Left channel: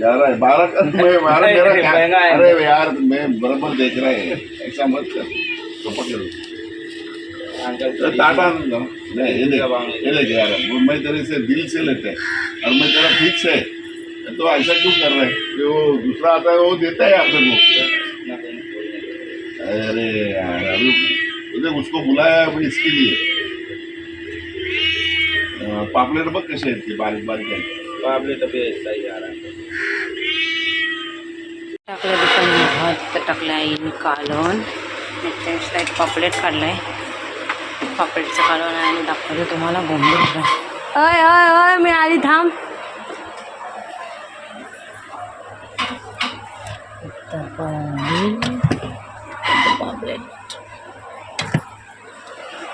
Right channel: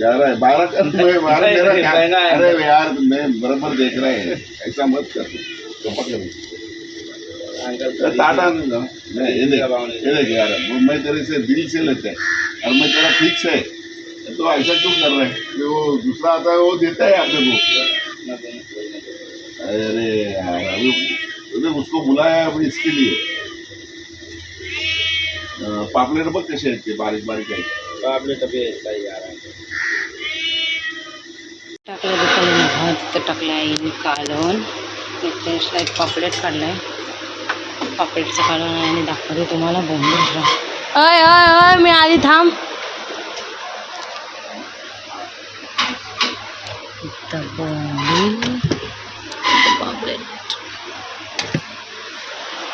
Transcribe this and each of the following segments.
11 12 का मैं 12 मेरा अरे यार मैं बराबर देख रहा है, ऐसा मत कर तो पकड़ टाटा नहीं ये देख यार, मैं तेरे से दिल से लेते हैं और मैं तेरा फिक्स है, तो ऐसा क्यों कर रहे हैं कि वो दूसरा आता है वो देता है अपने को। अरे यार अभी तुझे उसको बुलाया अभी इसके लिए। पापलेट बघ कसे आहेत ते बारीक बारीक आहेत, पापलेट बी सही आ रहा है। टाकलं दुकान भात टाकलं आईने कालवण, स्लाईड पापलेट काढलाय, पापलेटचं कालवण आणि दाखवते तुम्हाला बोंबील फ्राय। अय अय अय मी आली थांब। बोंबील पापलेट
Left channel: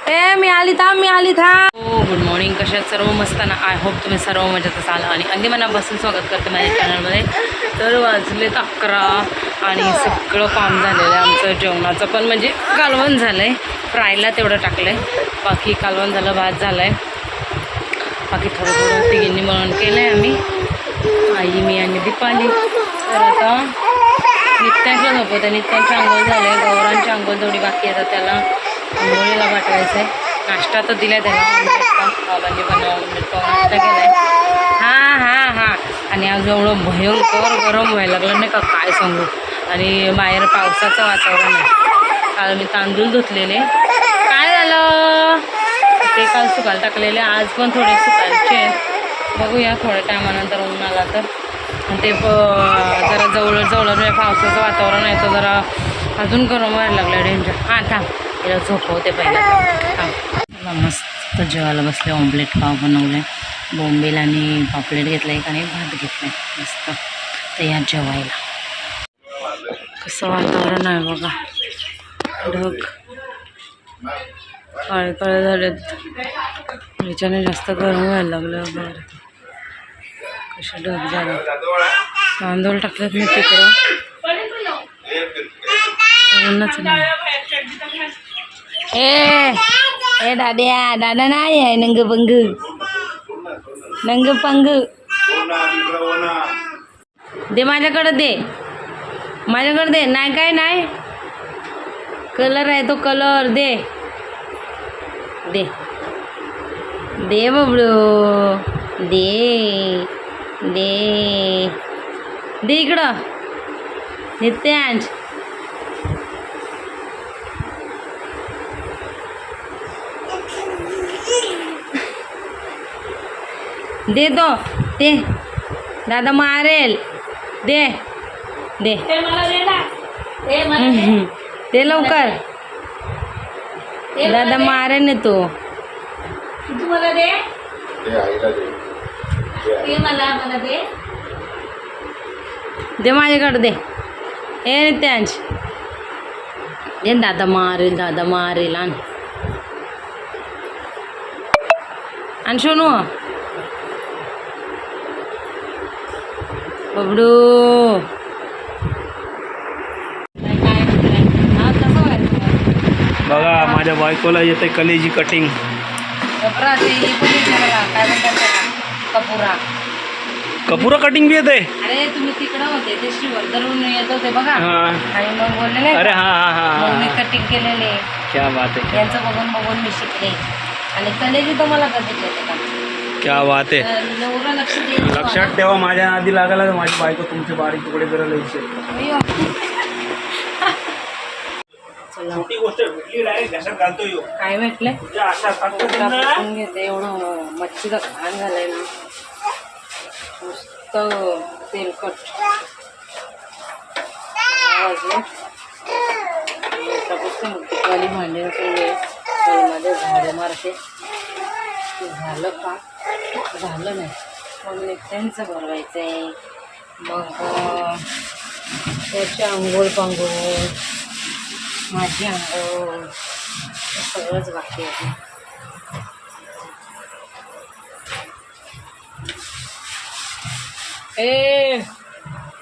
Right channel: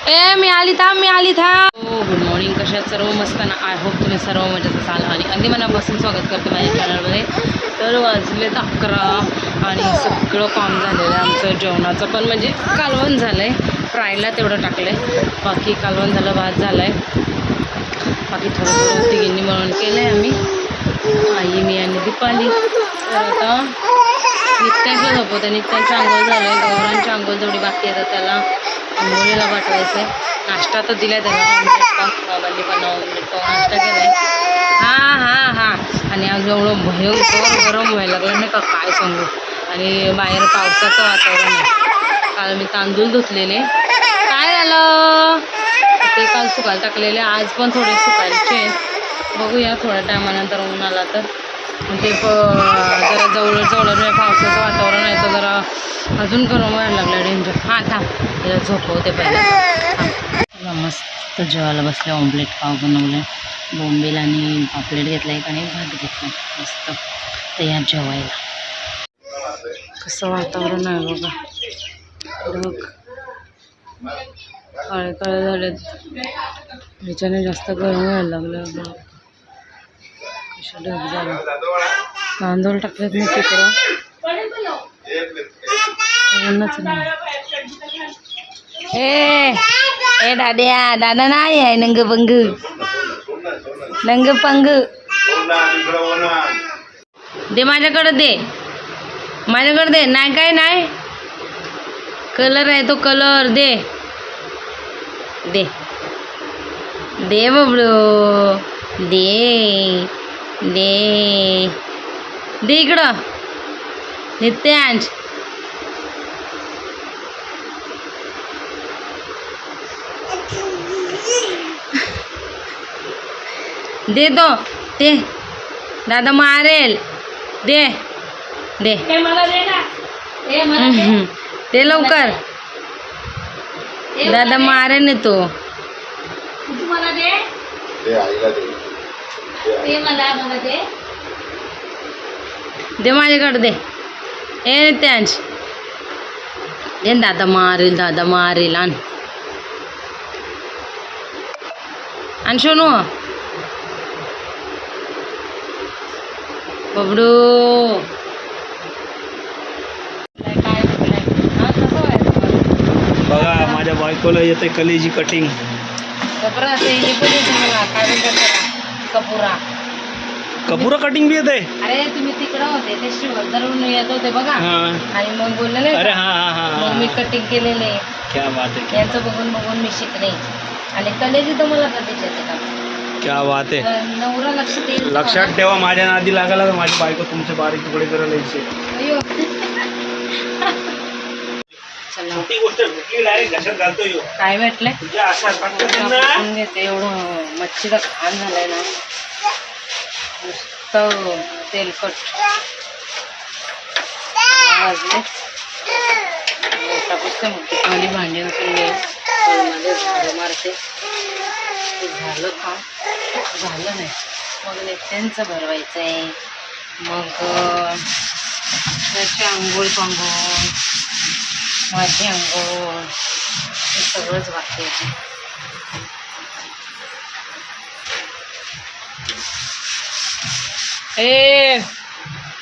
ए मी आली थांब मी आली थांब। हो गुड मॉर्निंग, कशात सर्व मस्त ना? आय होप तुम्ही सर्व मजेत असाल आणि अगदी मनापासून स्वागत करते माझ्या चॅनलमध्ये। तर वाजलेत 11 आणि सगळं काम झालेलं आहे आमचं जेवणाचं, पण म्हणजे कालवण झालं आहे, फ्रायला तेवढं टाकलं आहे, बाकी कालवण झालं, भात झालं आहे, बाकी थोडं थोडं तिघींनी म्हणून केलं आहे आम्ही, आई मी आणि दीपाली। तर आता नित्यांचं झोपवते, नित्यांची आंघोळ झाले, गौरांची आंघोळ जेवढी बाकी येतात त्याला आंघोळीला पाठवायचं आहे। नाश्ता तर दिला आहे त्याला, ऑमलेट पाव, बाबांनी पण ऑमलेट पाव नाश्ता केला आहे। हां हां हां आणि आज एवढं भयंकर गरम व्हायला लागलं नाही का, काय सांगू। आणि बाहेर पावसाचं वातावरण आहे, काल मी तांदूळ धुतलेले, काय झालं ते काल सुकायला टाकलेले, आज पण थोडे सुकायचे, बघूया थोड्या टायमानंतर ऊन आला तर। आणि ते जरा जवळ पावसाचं वातावरण आहे तर जरा अजून गरम व्हायला लागलं डेंजर। हां थांब तिला झोपवते पहिला, थांब। मस्त जेवायला बसले, ऑमलेट पाव बनवले, बोंबील आणि पापलेट घेतलं एक आणि भात घेतला मस्त तयार जेवायला। कसं वातावरण आहे बघा, ढग काळे काळे झालेत, ह्याच्याने जास्त गरम व्हायला लागलं बघा, कसे ढग झालं। तांदूळ टाकलेत मी तिकडं, उन्हाच नाही। ए दाद्या दादा नाही आहे, नंग पंग दे माझ्याकडं, दे नाही काय नाही, कलर आहे तो कलर, दे बबडू, दे इकडं नित्यांश। दे दादा मारेल, दे लवकर, दादा मारेल ने तो, दे माझ्याकडे, दे ए नित्यांश, दे, दादा मारेल आण सोनू, बबडू बघा माझ्या बायकोला येते कलेजी कटिंग। कपुरा कटिंग भी येते। अरे तुम्ही तिकडं होते ते श्रीवर्धनवरून येत होते बघा, आणि मग बोललेले अरे हां मी कटिंग केलेले, क्या बात है, यांचं बघून मी शिकले, आणि कलेजी तर मला कधीच येते का, क्या बात आहे। नवरा लक्षात ठेवा, माझ्या नादी लागायला तर माझी बायको तुमचे बारीक तुकडे करायला यायचे। छोटी गोष्ट भेटली डायरेक्ट घशात घालतो यो, काय भेटले घेते। एवढं मच्छीचं घाण झालंय ना, मस्त तेलकट वाजले, पुस्तक खाली भांडी घासले, मध्ये झाडू मारते, ते झालं का, झालं नाही मग नेत्यांचं भरवायचं आहे, मग त्याची आंघोळ पांघोळ, माझी आंघोळ, हे सगळंच बाकी आहे। ए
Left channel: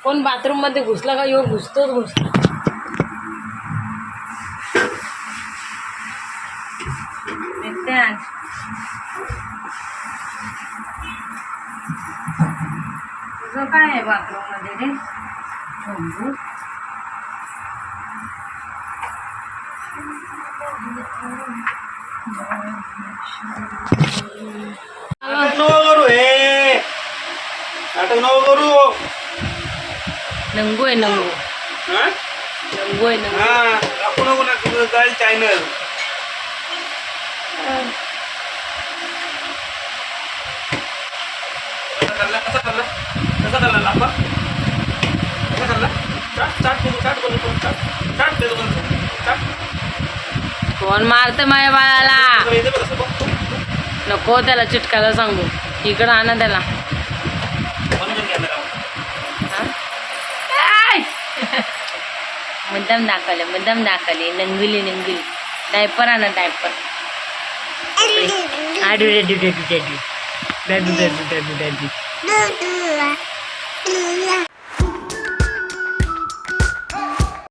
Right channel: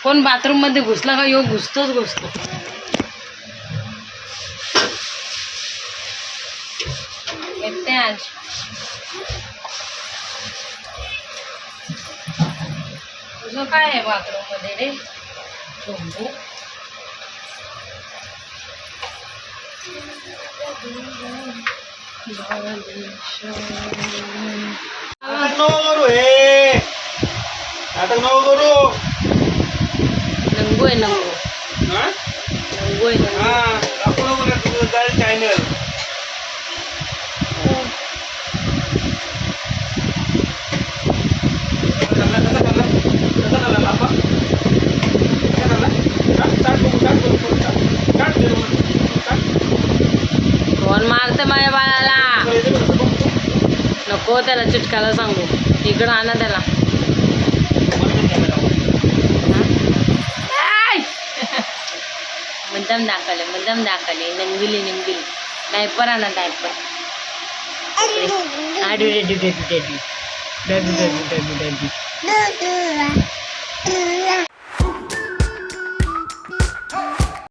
कोण बाथरूम मध्ये घुसला का, यो घुसतोच तुझं काय आहे बाथरूम मध्ये रे शंभू. नाटक नको करू हे, नाटक नको करू. नंगू आहे नंगू. हा नंगू आहे नंगू. हा, दाखवू नको ना तुझं जाईल चॅनल. कसा खाल्ला लांबा, कसा खाल्ला? चाट बघू, चाट बघू, चाट दे बघू, चाट. कोण मारतं माझ्या बाळाला? येते बघ असं बघ. नको त्याला चिटकायला सांगू. इकडं आणा त्याला. म्हणून कॅमेरा हा? आय! मुद्दाम दाखवले नंगुली नंगुली. डायपर आणा डायपर. आडू डेडू डेडू डेडू डेडू डेडू डेडू डेडू.